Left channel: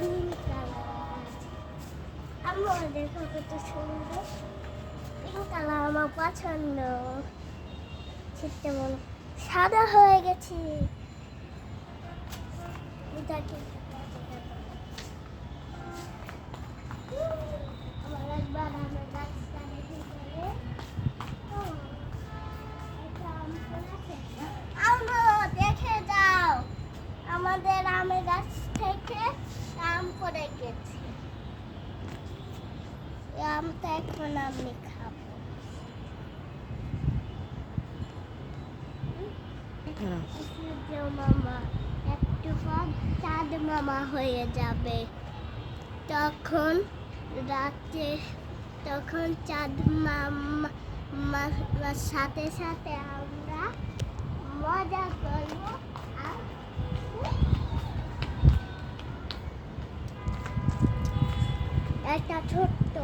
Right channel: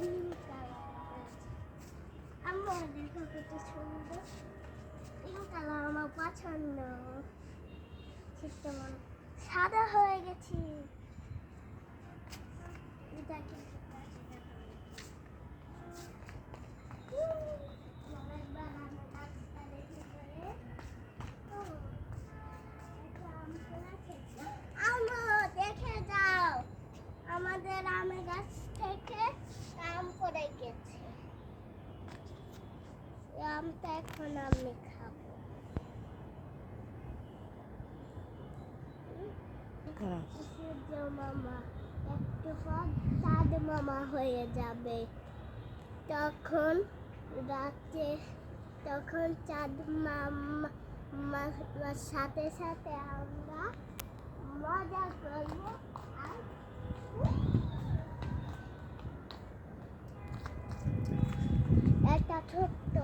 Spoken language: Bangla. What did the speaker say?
নীল কালার। আমার দেখো কত সুন্দর পিঙ্ক কালার, আমার পছন্দ। ছিটতে মনে সাদা হয়ে গেছি। এটা কি আমার একবার আমের গাছটা দেখে গেলে দেখে যাও, আমাদের আমের গাছ থেকে আম পড়ে গেছে। এই আমটা এখন আমি খাবো। সূর্য মামা একটু পর চাঁদ মামা হয়ে যাবে। তখন রাতে, তখন চাঁদ মামার সাথে সাথে আমরা মজা করব। আর একটা ছোট্ট